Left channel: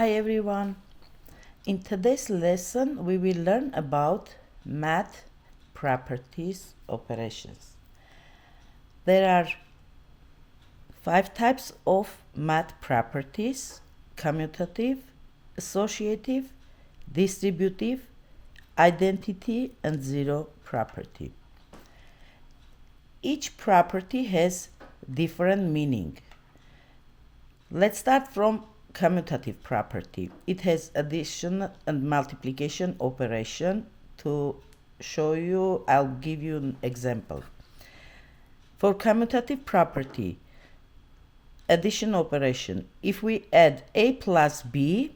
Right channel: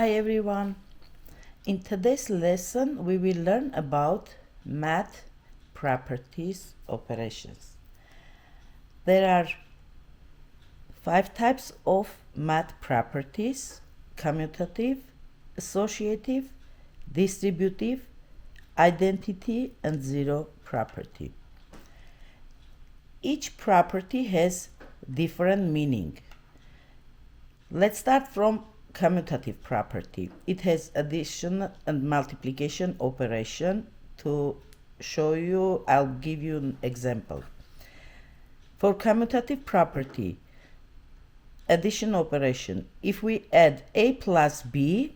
Hi everyone. In today's lesson we will learn about math properties operations. There are 5 types of math properties: commutative, associative, distributive, identity, and zero property. Each property has different meaning. Let's start from commutative property. It has addition and multiplication operation. To show you, I'll give you an example. For commutative property, addition operation, if we add a plus b,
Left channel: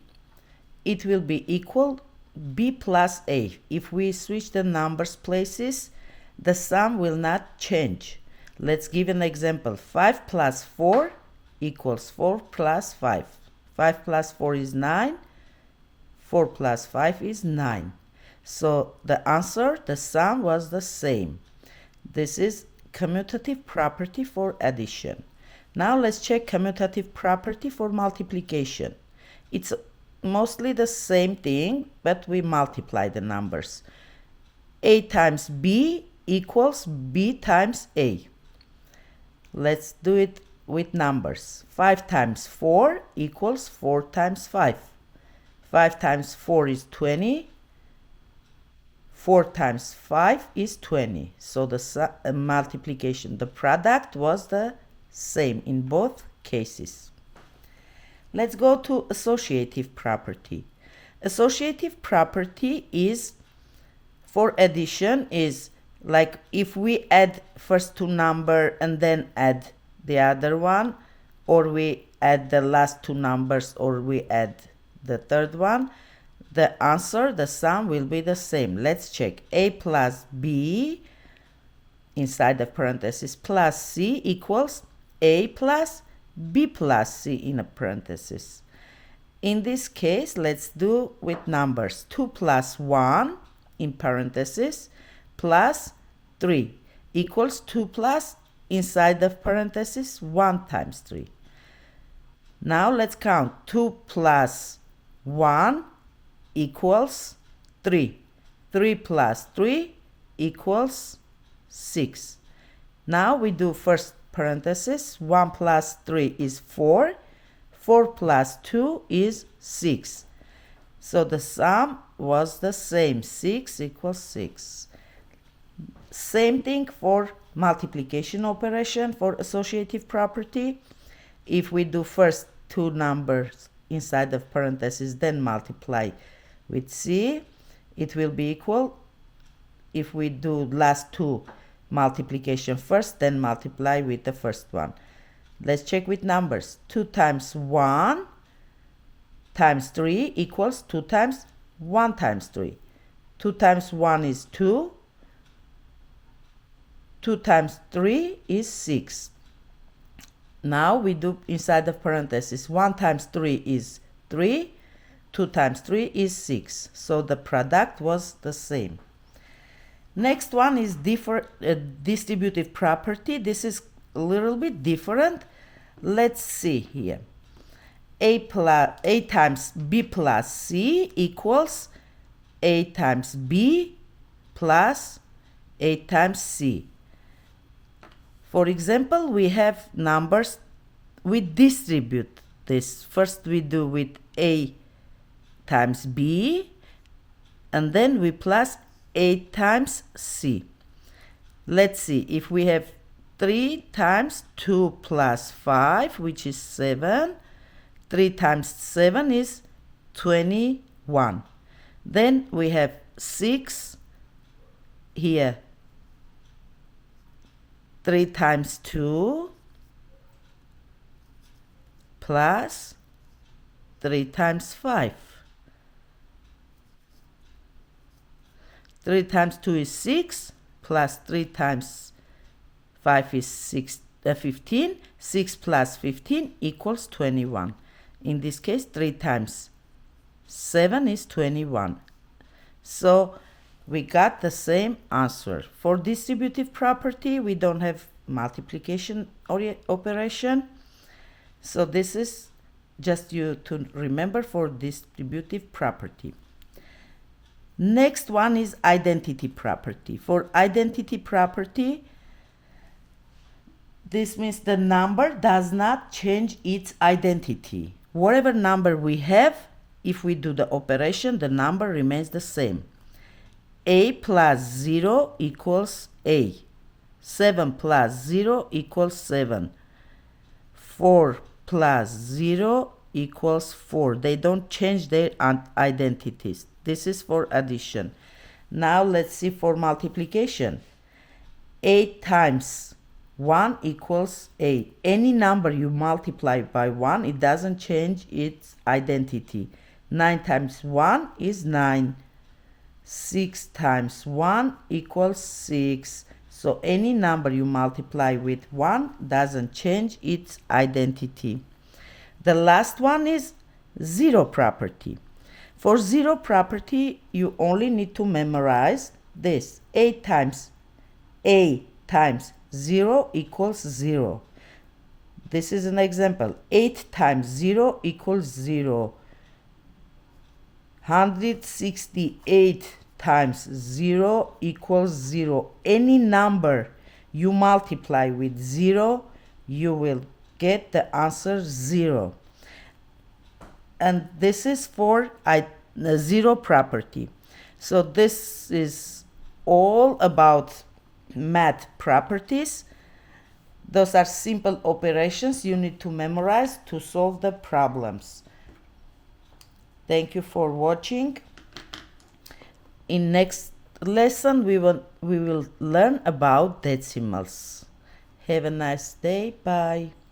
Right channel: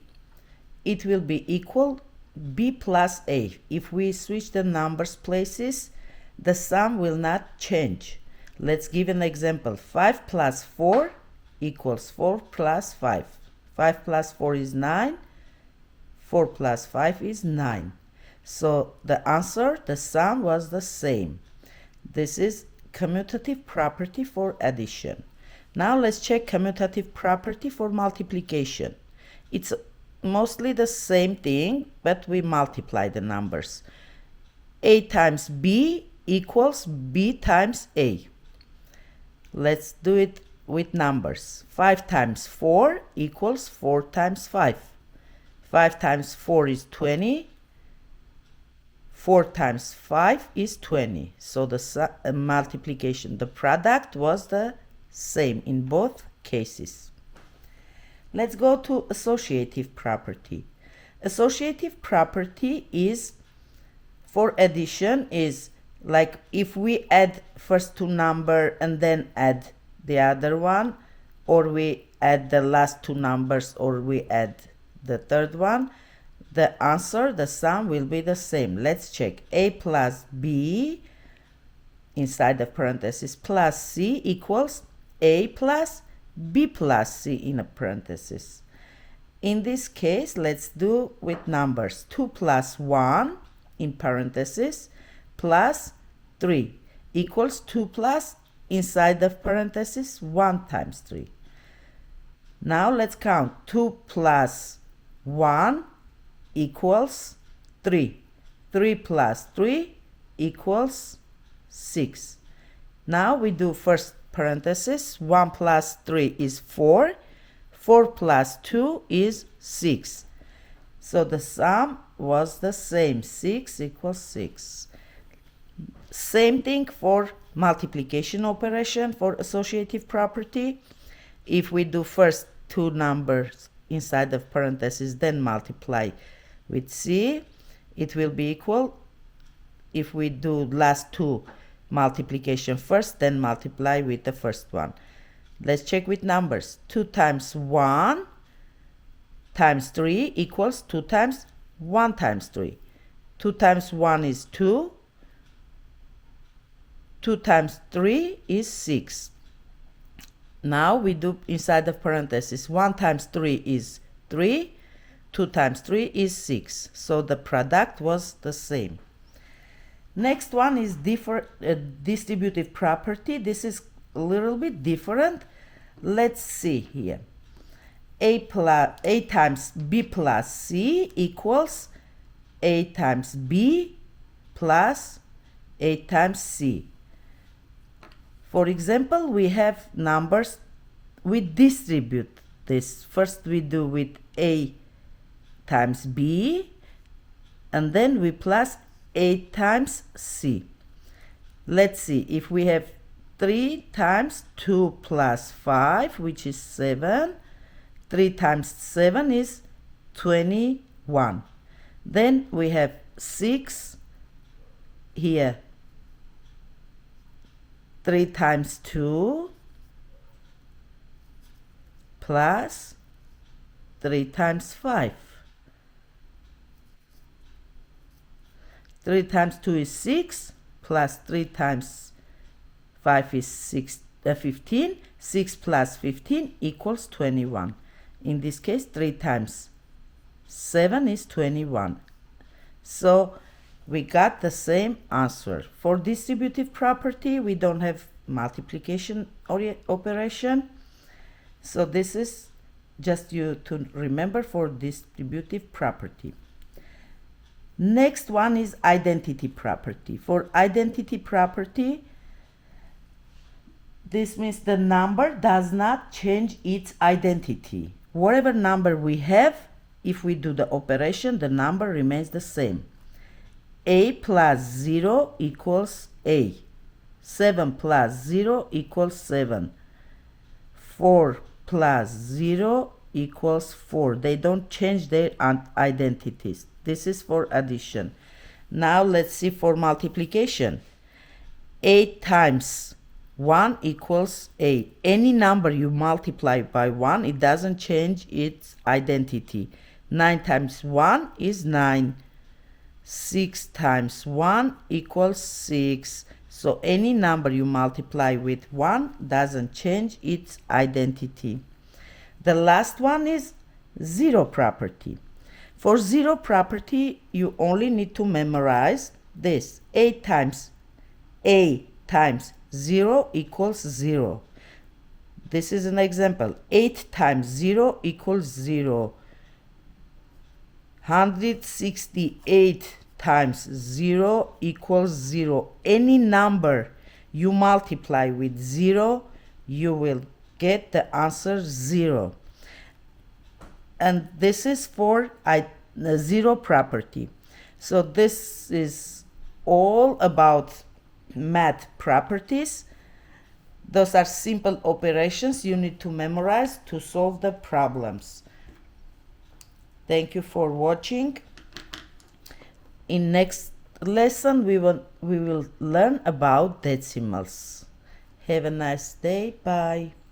it will be equal b plus a. If we switch the numbers places, the sum will not change. Let's give an example. 5 plus 4 equals 4 plus 5. 5 plus 4 is 9. 4 plus 5 is 9. So the answer, the sum was the same. This is commutative property for addition. Now let's check commutative property for multiplication. It's mostly the same thing, but we multiply the numbers. A times b equals b times a. Let's do it with numbers. 5 times 4 equals 4 times 5. 5 times 4 is 20. 4 times 5 is 20. So the multiplication, the product was the same in both cases. Let's go to associative property. Associative property is for addition is like if we add first two number and then add the other one, or we add the last two numbers, or we add the third one, the answer, the sum will be the same. Let's check. A plus b inside the parenthesis plus c equals a plus b plus c in a parenthesis. In this case, let's do with numbers. 2 plus 1 in parenthesis plus 3 equals 2 plus inside the parenthesis 1 times 3. Now let's count. 2 plus 1 equals 3. 3 plus 3 equals 6. Now we do first parenthesis. 1 plus 3 is 4. 4 plus 2 is 6. So the sum was the same. 6 equals 6. Same thing for multiplication operation for associative property. If we do first two numbers inside of parentheses, then multiply with c, it will be equal. If we do last two multiplication first, then multiply with the first one. Let's check with numbers. 2 times 1 times 3 equals 2 times 1 times 3. 2 times 1 is 2. 2 times 3 is 6. Now we do inside the parenthesis. 1 times 3 is 3. 2 times 3 is 6. So the product was the same. Next one is distributive property. This is a little bit different. Let's see here. A times b plus c equals a times b plus a times c. For example, we have numbers. We distribute this. First we do with a times b, and then we plus a times c. Let's see. If we have 3 times 2 plus 5, which is 7. 3 times 7 is 21. Then we have 6 here. 3 times 2 plus 3 times 5. 3 times 2 is 6 plus 3 times 5 is 15. 6 plus 15 equals 21. In this case, 3 times 7 is 21. So we got the same answer. For distributive property, we don't have multiplication operation. So this is just you to remember for distributive property. Next one is identity property. For identity property, this means the number does not change its identity. Whatever number we have, if we do the operation, the number remains the same. A plus 0 equals A. 7 plus 0 equals 7. 4 plus 0 equals 4. They don't change their identities. This is for addition. Now let's see for multiplication. 8 times 1 equals 8. Any number you multiply by 1, it doesn't change its identity. 9 times 1 is 9. 6 times 1 equals 6. So any number you multiply with 1 doesn't change its identity. The last one is zero property. For zero property, you only need to memorize this. 8 times A times 0 equals 0. This is an example. 8 times 0 equals 0. 168 times 0 equals 0. Any number you multiply with 0, you will get the answer 0. And this is for the zero property. So this is all about math properties. Those are simple operations you need to memorize to solve the problems. Thank you for watching. In next lesson we will learn about decimals. Have a nice day. Bye.